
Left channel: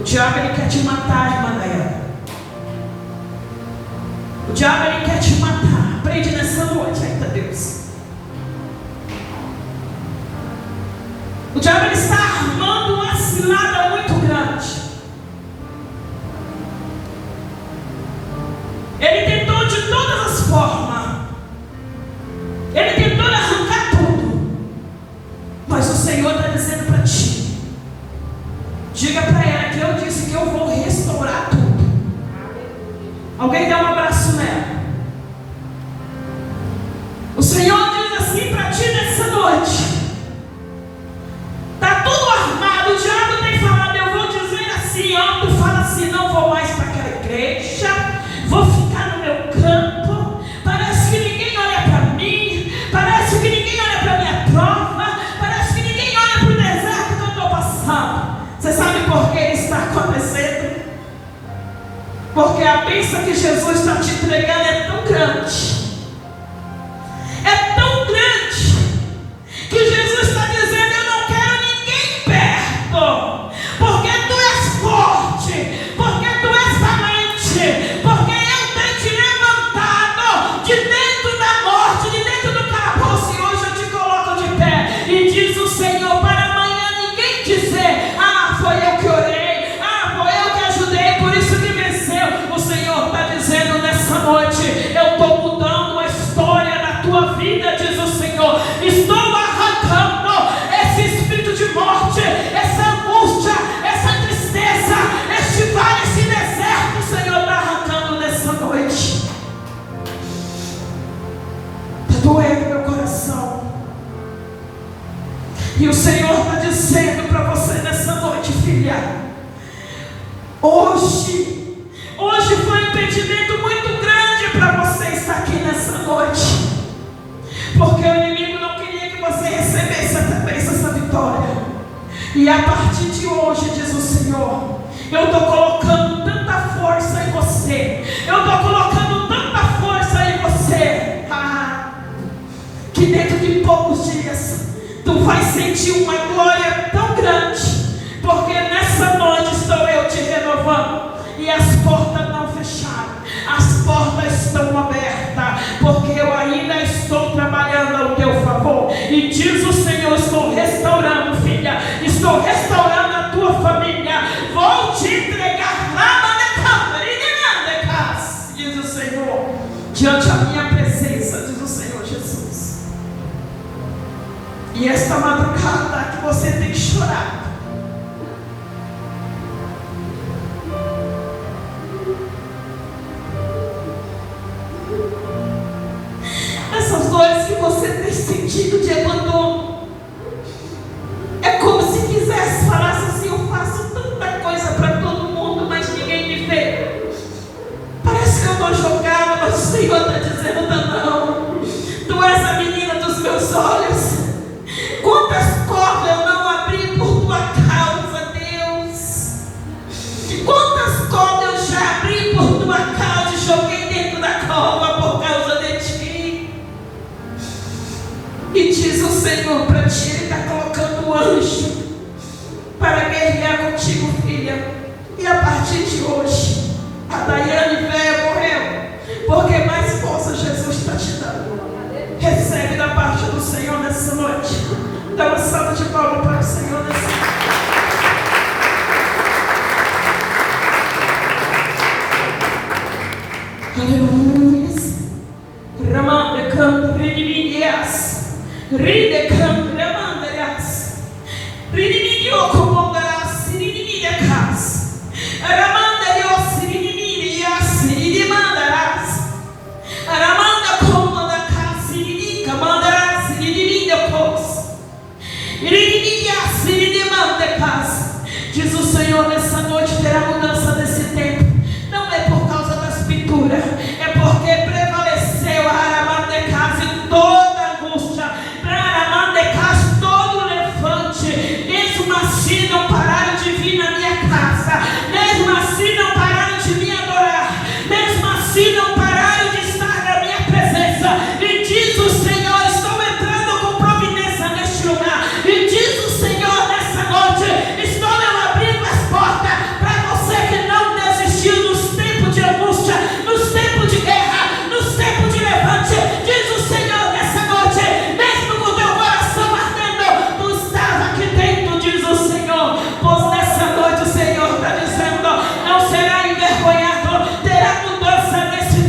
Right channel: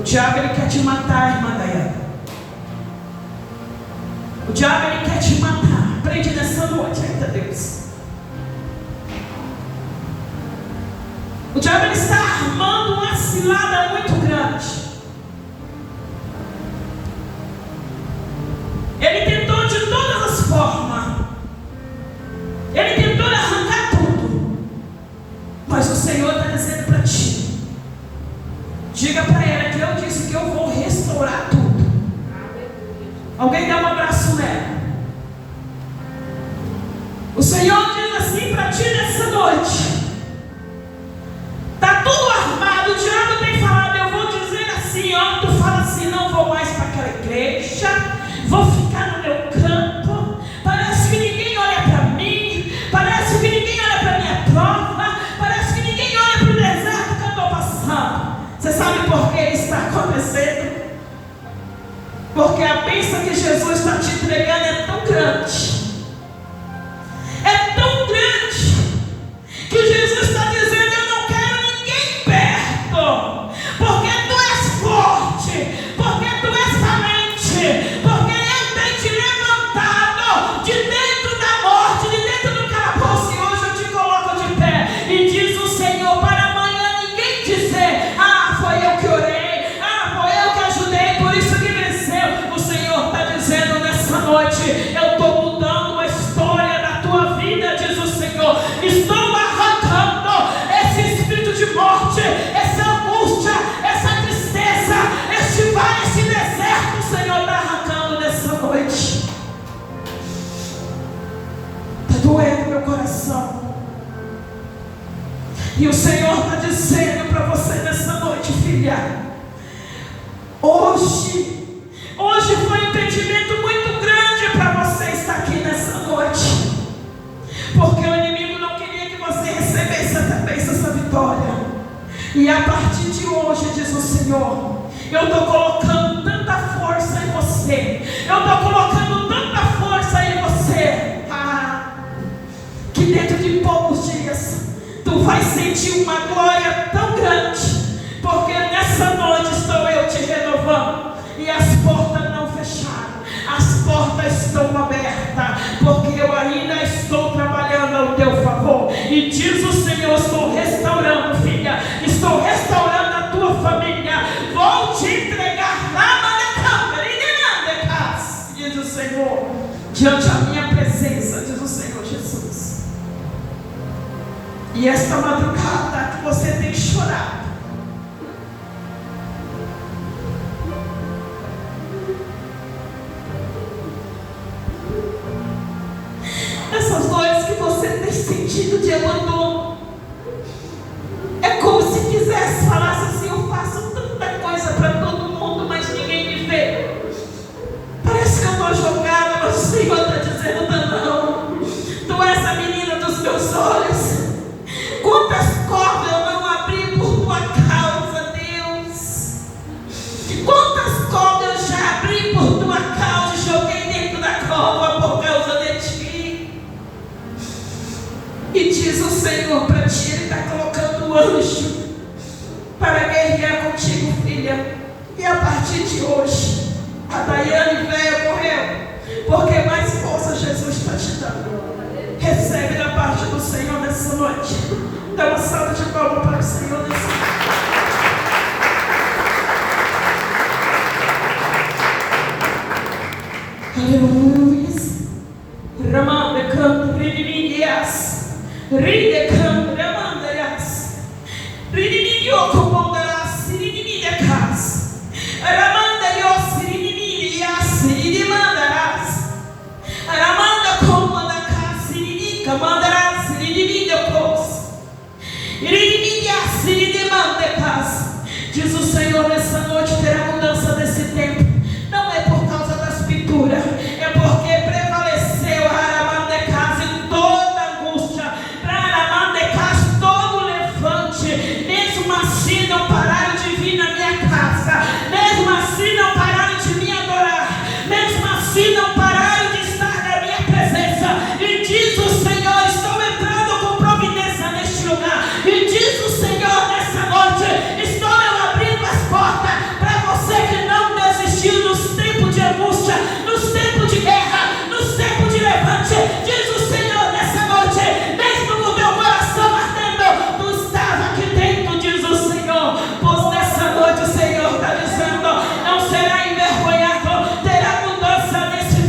o diabo ele quer te matar, irmã Dayana. O diabo Alguém dá um abraço nela. O Senhor diz assim para ti nessa noite. Está tudo armado. O diabo tem falado, eu vou dizer assim, ó. Tu fala assim, não vou mais para aquela igreja. Vou ficar no meu campo. Parece que ninguém olha para mim. Parece que ninguém olha para minha prova. Parece que ninguém olha para o deserto que eu estou passando. Você sabe por que isso está acontecendo? Porque a bênção que Jesus está te entregando é tão grande. É tão grande que Jesus está dizendo, eu não quero ninguém perto. Porque tu és forte. Porque tu és valente. Porque eu tenho te levantado de dentro da morte, de dentro do calabouço. E hoje eu te coloco de pé. E diz o Senhor, para amanhã ninguém dizer, ah, foi eu que orei. Ah, foi eu que ajudei, por isso que venceu. O Senhor está dizendo nessa noite, eu estou mudando a história da tua vida, diz o Senhor. Estou arrancando esse espírito de morte, essa angústia, essa tristeza, este vale, esse deserto. O Senhor está arrancando nessa noite. Está doendo meu coração. E o Senhor está dizendo para você nessa noite, filha, hoje foi um entendimento muito grande para você estar aqui nessa noite. Porque o inimigo não queria que você recebesse essa bênção, essa vitória. E a partir de hoje, diz o Senhor, eu estou colocando tanta força em você. Eu estou colocando tanta força em você. Que dentro de poucos dias, tu vai sentir uma glória tão grande. Porque nessa noite estou eu te renovando. E as portas não fecharam. As portas estão abertas. Porque eu ainda estou trabalhando ao teu favor. E diz o Senhor, estou restaurando, filha. Estou restaurando a tua família. Vou te entregar lá na câmara. Diz o Senhor. Diante da minha presença, diz o Senhor Jesus. E esta madrugada que você tem chorado. Essas dores que você tem sentido de abandono, é como se quisesse falar assim, eu faço tanta coisa para todo mundo, mas ninguém me vê. Parece que eu estou jogada, mas o Senhor está dizendo, não, tu és a menina dos meus olhos. Quantas cordas eu não abri por tua causa, Deus. Quantas cordas eu já abri por tua causa e joguei dentro da cova por causa de ti. E diz o Senhor para ti, Ele está colocando um anjo para guerrear contigo, filha. E a partir de hoje, a Daiane velha morreu, porque mais força Jesus está te dando. Recebe da parte do Senhor nessa noite. Dá uma salva de palmas para o Senhor nessa noite. Aleluia. Ramanda canto, ridiminias. Ride canto, ramandarias. Ridimidio comondas, ridiminias. Ramandarios, ridiminias, ridimandarás. Ramanda comandas, ridica mandarás, ridiminios. Ridiminias, ridimandarás. Diz o Senhor, nessa noite terá mudança desse tempo. Não é por causa das pinturas, é porque prevaleceu a Aramandecas em toda angústia, para Aramandecas todo levante. Mesmo assim não pararam de vir na minha casa, mesmo assim não pararam de me adorar, mesmo assim não pararam de estar na minha presença. E diz o Senhor, estou entrando com providência neste lugar. E diz o Senhor nessa noite, estou eu abrindo as portas para você que não desistiu nos tempos de angústia, nos tempos de guerra, nos tempos de levante. Diz o Senhor nessa noite, mesmo com o teu coração ardendo, tu estás aqui dentro, diz o Senhor. Pois nessa noite o Senhor está dizendo, não será envergonhado, terá mudança nesse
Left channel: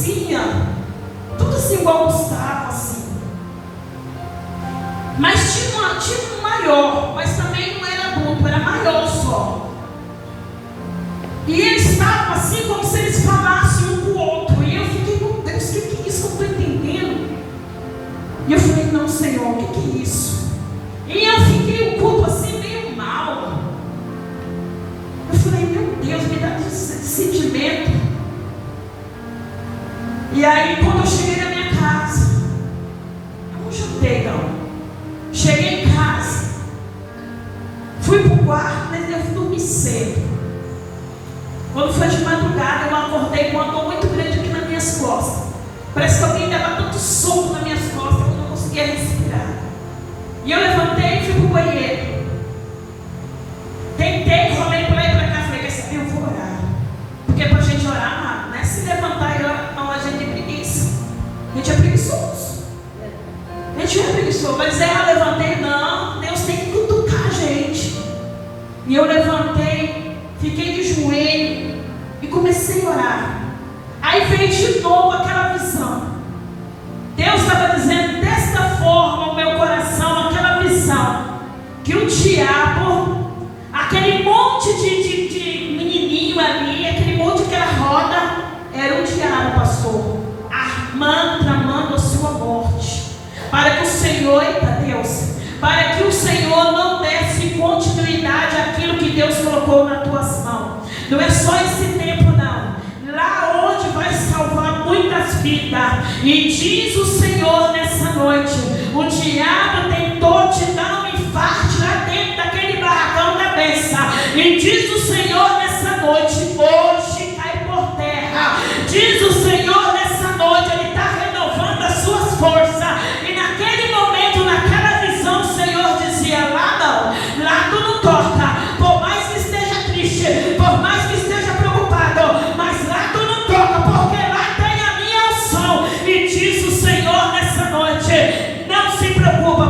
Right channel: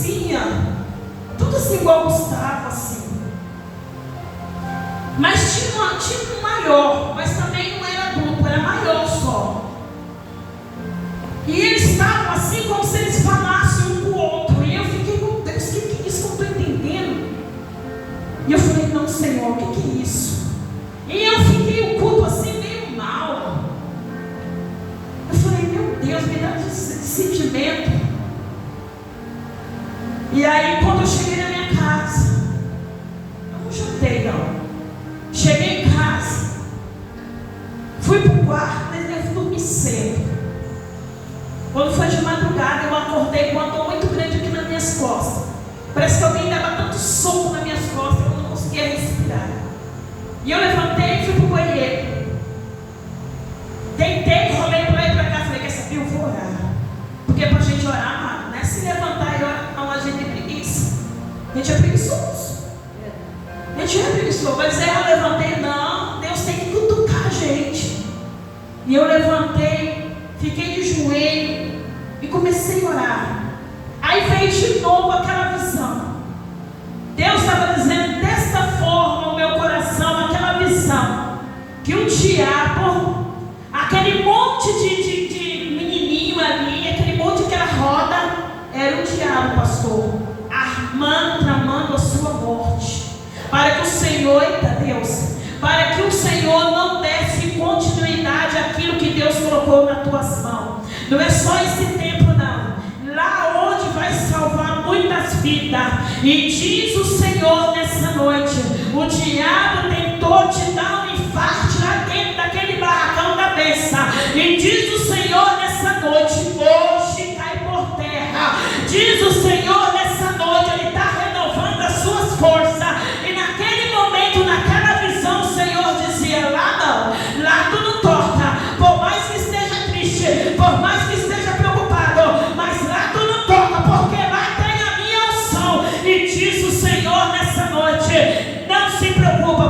parecia, tudo assim igual Gustavo, assim. Mas tinha um maior, mas também não era adulto, era maior só. E eles estavam assim como se eles falassem um com o outro. E eu fiquei, meu Deus, o que é isso que eu estou entendendo? E eu falei, não, Senhor, o que é isso? E eu fiquei o culto assim meio mal. Eu falei, meu Deus, me dá esse sentimento. E aí quando eu cheguei na minha casa, eu não chutei não. Cheguei em casa, fui para o quarto, mas eu dormi cedo. Quando foi de madrugada, eu acordei com uma dor muito grande aqui nas minhas costas. Parece que alguém dava tanto soco nas minhas costas que eu não conseguia respirar. E eu levantei e fui para o banheiro. Tentei, rolei para lá e para cá. Falei, quer saber, eu vou orar. Porque para a gente orar, não é se levantar e orar, não, a gente tem preguiça. A gente é preguiçoso. A gente é preguiçoso. Mas eu levantei, não, Deus tem que cutucar a gente. E eu levantei, fiquei de joelho e comecei a orar. Aí veio de novo aquela visão. Deus estava dizendo desta forma ao meu coração, aquela visão, que o diabo, aquele monte de menininho ali, aquele monte que era roda, era o diabo, pastor, tramando a sua morte, para que o Senhor, eita Deus, para que o Senhor não desse continuidade àquilo que Deus colocou nas tuas mãos. Não é só esse tempo não, lá onde vai salvar muitas vidas. E diz o Senhor nessa noite, o diabo tentou te dar um infarto lá dentro daquele barracão da bênção. E diz o Senhor nessa noite, hoje cai por terra. Diz o Senhor nessa noite, Ele está renovando as suas forças. E naquele momento, naquela visão, o Senhor dizia, lá não, lá tu não toca. Por mais que esteja triste, por mais que esteja preocupado, mas lá tu não toca, porque lá tem a minha unção. E diz o Senhor nessa noite, não se preocupa,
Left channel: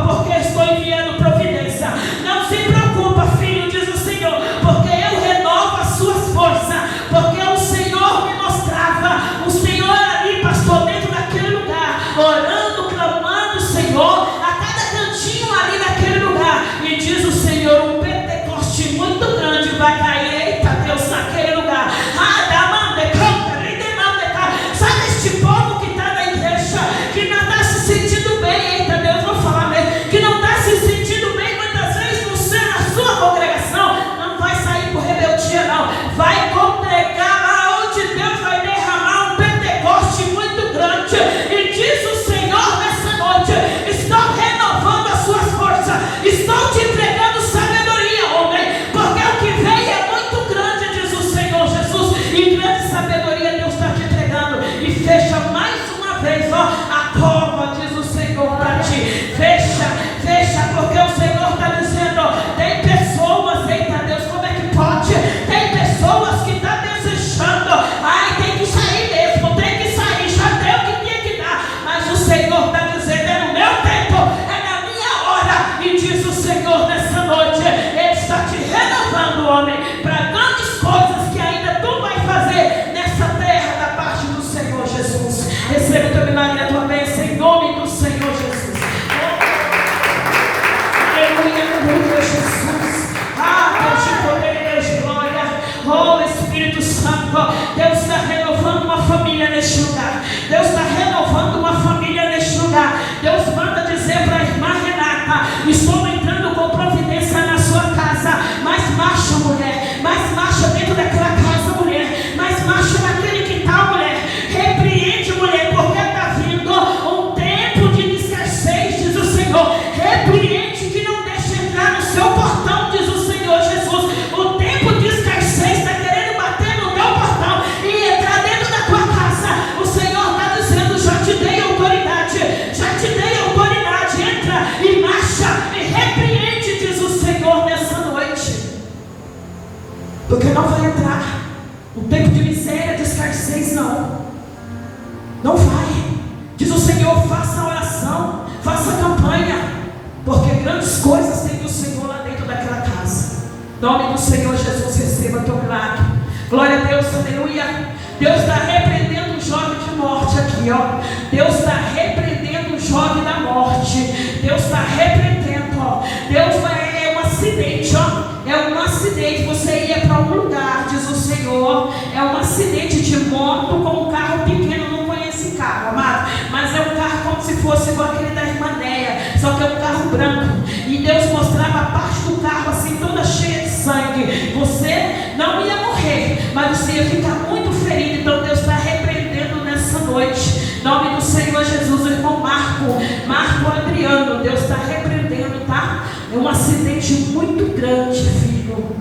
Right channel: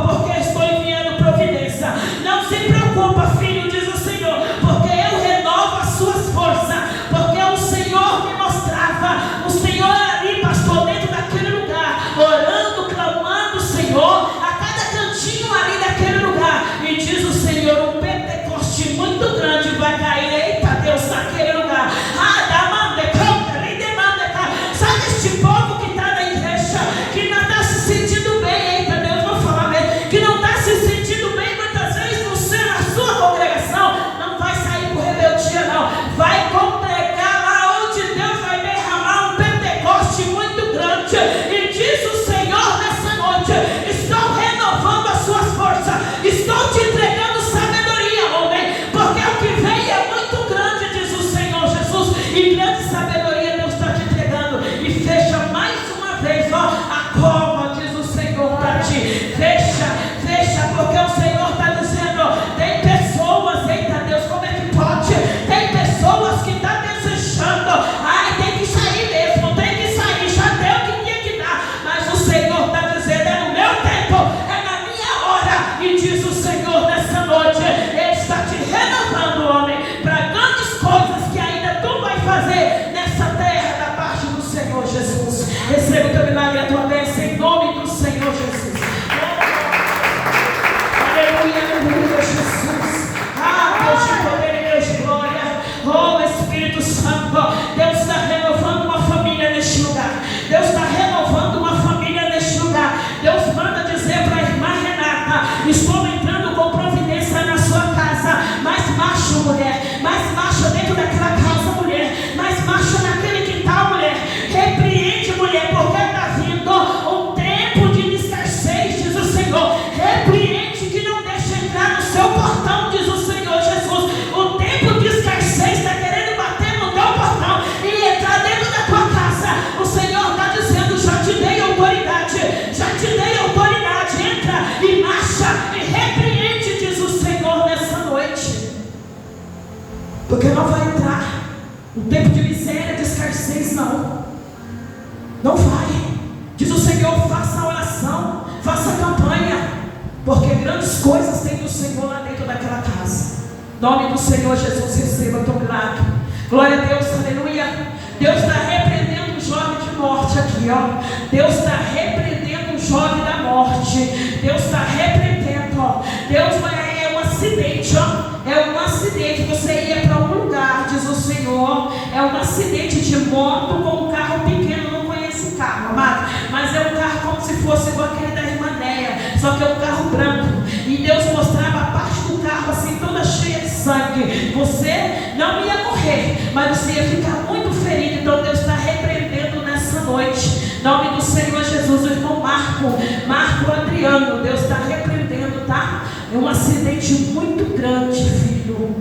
só que é um carro branco. E Deus mostrava a parte do carro assim, toda cheia de sangue. Você não ia morrer, mas você ia ficar muito ferido. Então Deus está repreendendo nessa noite. Em nome do Senhor Jesus, o irmão Marco Adriano, Deus está repreendendo, tá? É um acidente muito grande, filho.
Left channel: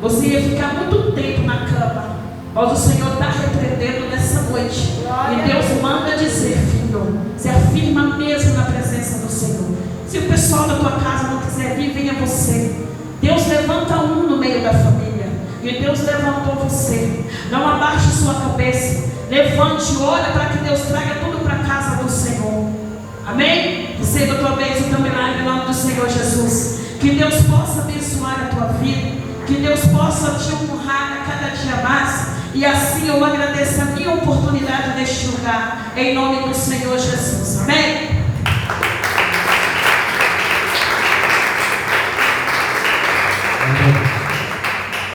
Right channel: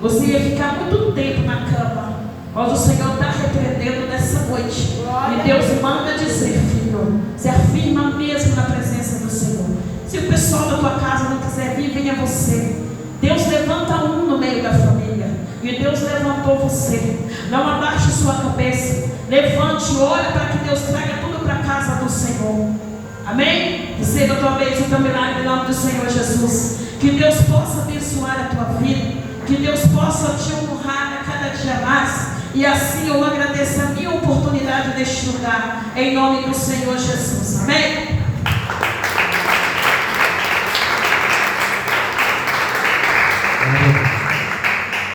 Você ia ficar muito tempo na cama, mas o Senhor está repreendendo nessa noite. E Deus manda dizer, filho, se afirma mesmo na presença do Senhor. Se o pessoal da tua casa não quiser vir, venha você. Deus levanta um no meio da família. E Deus levantou você. Não abaixe sua cabeça. Levante, ora para que Deus traga tudo para a casa do Senhor. Amém? Receba a tua bênção também em nome do Senhor Jesus. Que Deus possa abençoar a tua vida. Que Deus possa te honrar a cada dia mais. E assim eu agradeço a minha oportunidade neste lugar. Em nome do Senhor Jesus. Amém?